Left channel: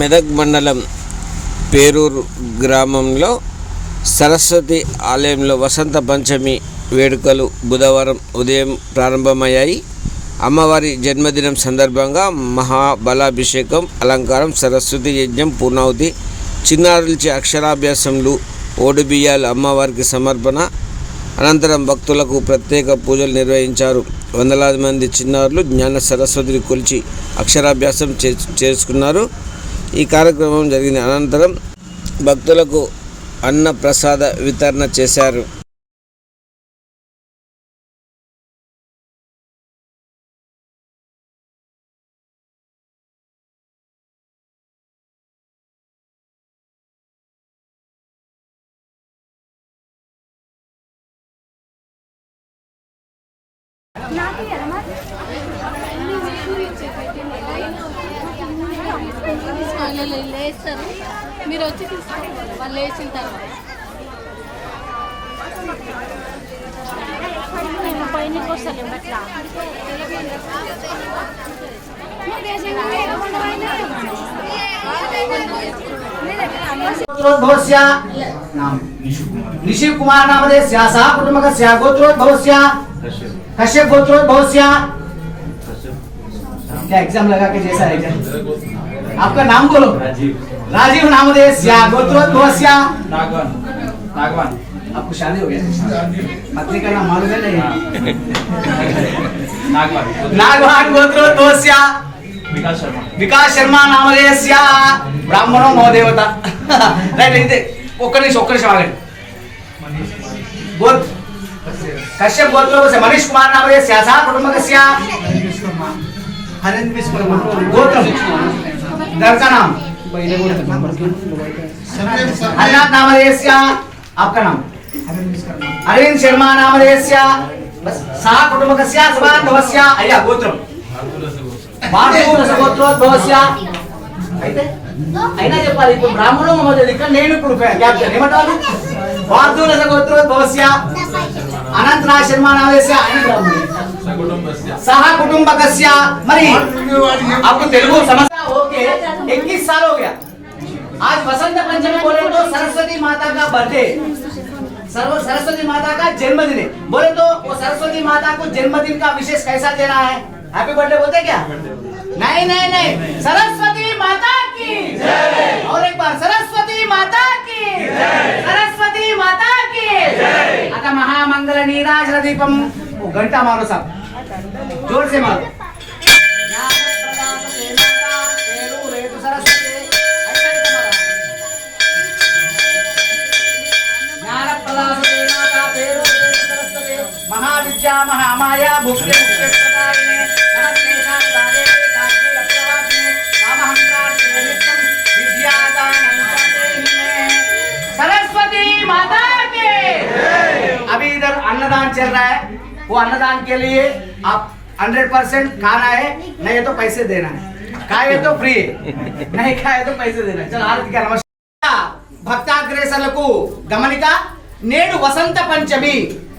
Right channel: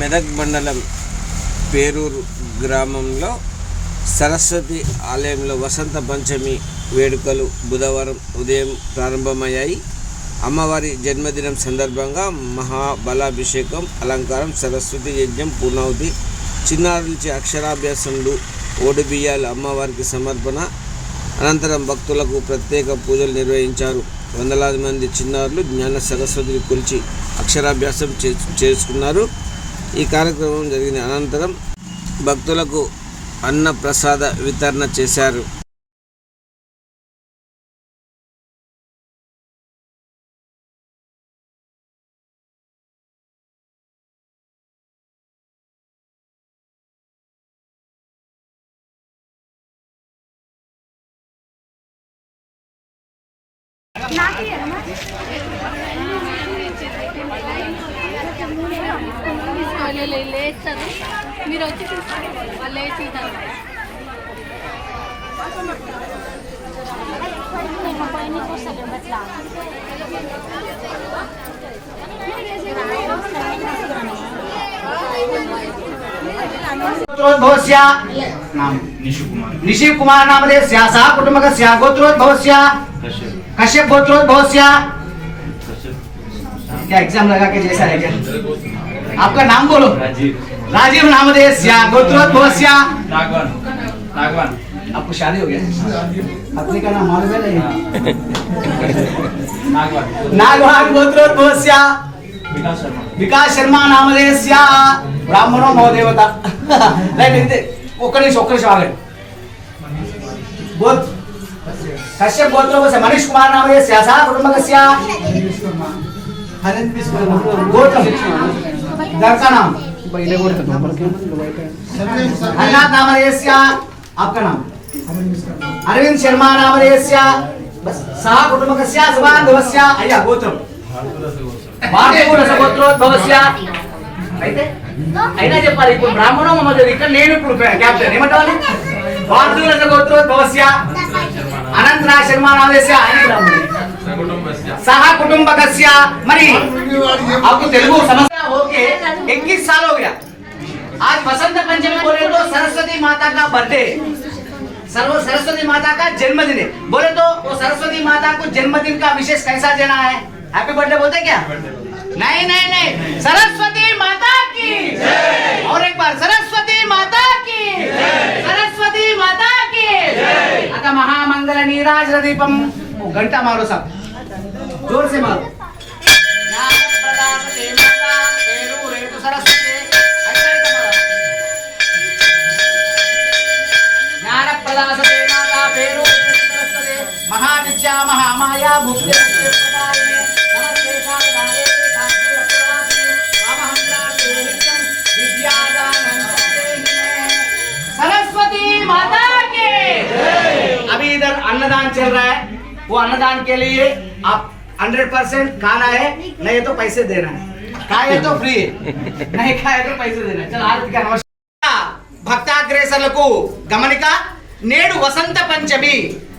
మెదక్ మండలం పేరూరు గ్రామంలో సరస్వతి ఆలయంలో వసంత పంచమి వేడుకలు బుధవారం ఉదయం ప్రారంభమయ్యాయి. అమ్మవారి జన్మదినం సందర్భంగా మహాబలాభిషేకం అలంకారం సరస్వతి యజ్ఞం పూర్ణావతి చిన్నారులచే అక్షరాభ్యాసంలు ఓడిబియ్యాలు అమ్మవారికి సమర్పణ అనంతరం భక్తులకు ప్రత్యేక పూజలు నిర్వహించారు. వందలాది మంది చిన్నారులు జ్ఞాన సరస్వతిని కొలిచి అక్షరాభ్యాసం చే చేసుకున్నారు. ఈ కార్యక్రమం జరిగిన అనంతరం భక్తులకు అన్న ప్రసాద వితరణ చేశారు. వాళ్ళు లేస్తారు మీరు వచ్చి తీసుకోండి వాళ్ళు లేచిన తర్వాత गोत्रोद्भवस्य नाम निशिव कुमार नामधेयस्य सह कुटुम्बकस्य गोत्रोद्भवस्य कश्यप गोत्रोद्भवस्य क्या एग्जाम लगा के जैसा है क्या आपका नाम बोलो राजीव नामधेयस्य गोत्रोद्भवस्य नागवान नागवान आपको शादी हो गया पत्नी का नाम मालूम है नहीं नागवान नागवान गोत्रोद्भवस्य विकास शर्मा వికాస్ శర్మ నామధేయస్య బ్రాహ్మణో మహోదేవత రైట్ ఇది ఒక్క నిమిషం ఒక్క నిమిషం ఆగండి గోత్ కశ్యప్ గోత్రోపస్య మనీష్ కుమార్ నామధేయస్య సహ కుటుంబకస్య హరేంద్ర విశ్వకర్మ గోత్రం दरका नाम हरिनाथ नामधेयस्य आपका नाम अरविंद शर्मा नामधेयस्य सह कुटुंबकस्य सुबान्धवस्य अय्या गोत्रम భారతీయ సగోత్రోద్భవస్య అయితే అయినా చెప్పాలి ఇప్పుడు బ్రాహ్మణం ఉన్నది ఇక్కడ నేను ఇప్పుడు క్యాప్టెన్ ఏమంటారు భారతీయ సగోత్రోద్భవస్య అనంతరా శర్మ నామదేశ ఆయన బ్రాహ్మణుడు సహ కుటుంబకస్య మరి आपको तेलुगु समझता आज बसंत पंचमी बोले तो सरस्वती माता का बर्थडे सर्व सरस्वती माता का जन्मदिन है. बोले तो वो सरस्वती माता को जन्मदिन का विशेष कैसा देना है? हैप्पी बर्थडे बोलते क्या? नहीं नहीं नहीं. सरस्वती माता की. और एक बार सरस्वती माता की. सरस्वती माता की. आता महामंगल नीराजन दीपम घंटा मारो साहब. ज़ोर से मारो. నిత్యం విద్యాదానం దేహినే सरस्वती माता के अभी इधर अन्नदान चल रहा है वो अन्नदान के लिए आप हंड्रेड परसेंट खाना है नहीं तो पैसे देना है खाए तो फ्री नहीं खाए तो पैसे देना है चलो आरती का नमस्कार భక్తాగ్రేసర్లకు గమనిక నేడు వసంత పంచమి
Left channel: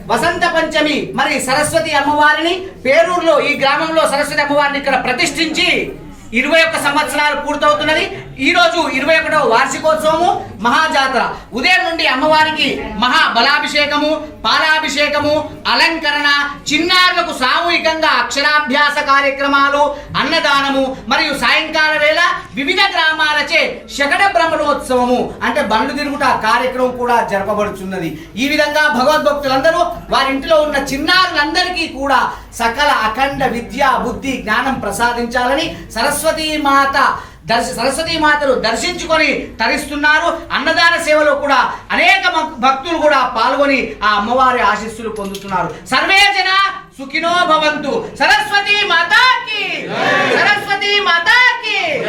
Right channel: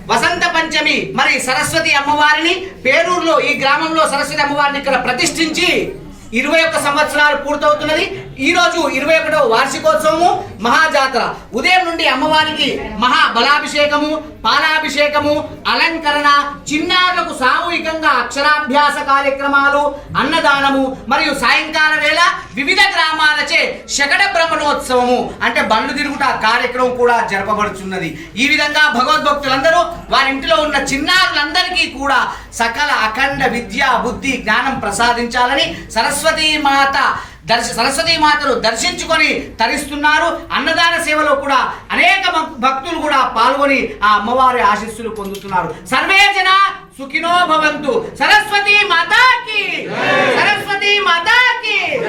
వసంత పంచమి మరి సరస్వతి అమ్మవారిని పేరూరులో ఈ గ్రామంలో సరస్వతి అమ్మవారిని ఇక్కడ ప్రతిష్ఠించి ఇరవై ఒక్క సంవత్సరాలు పూర్తవుతున్నది. ఈ రోజు ఇరవై ఒకటవ వార్షికోత్సవము మహాజాతర. ఉదయం నుండి అమ్మవారికి మహా బలాభిషేకము పాలాభిషేకము అలంకరణ చిన్నారులకు సామూహికంగా అక్షరాభ్యాస కార్యక్రమాలు అన్నదానము మరియు సాయంకాల వేళ వివిధ గ్రామాలచే శకట బ్రహ్మణోత్సవము. అంటే బండ్లు తిరుగుట కార్యక్రమం కూడా జరపబడుచున్నది. ఈ విధంగా భగవద్భక్తులందరూ వారింటిలో ఉన్న చిన్నారులందరికీ కూడా సకల అఖండ విద్య బుద్ధి జ్ఞానం ప్రసాదించాలని సరస్వతి మాత దర్శ సరస్వతీ మాతను దర్శించుకొని తరిస్తున్నారు. అన్నదాన సేవలో కూడా అనేక భక్- భక్తులు కూడా పాల్గొని ఆ అమ్మవారి ఆశీస్సులు పొందుతున్నారు. సర్వే జన సుఖినో భవంతు. సరస్వతీ మాతాకి సరస్వతీ మాతాకి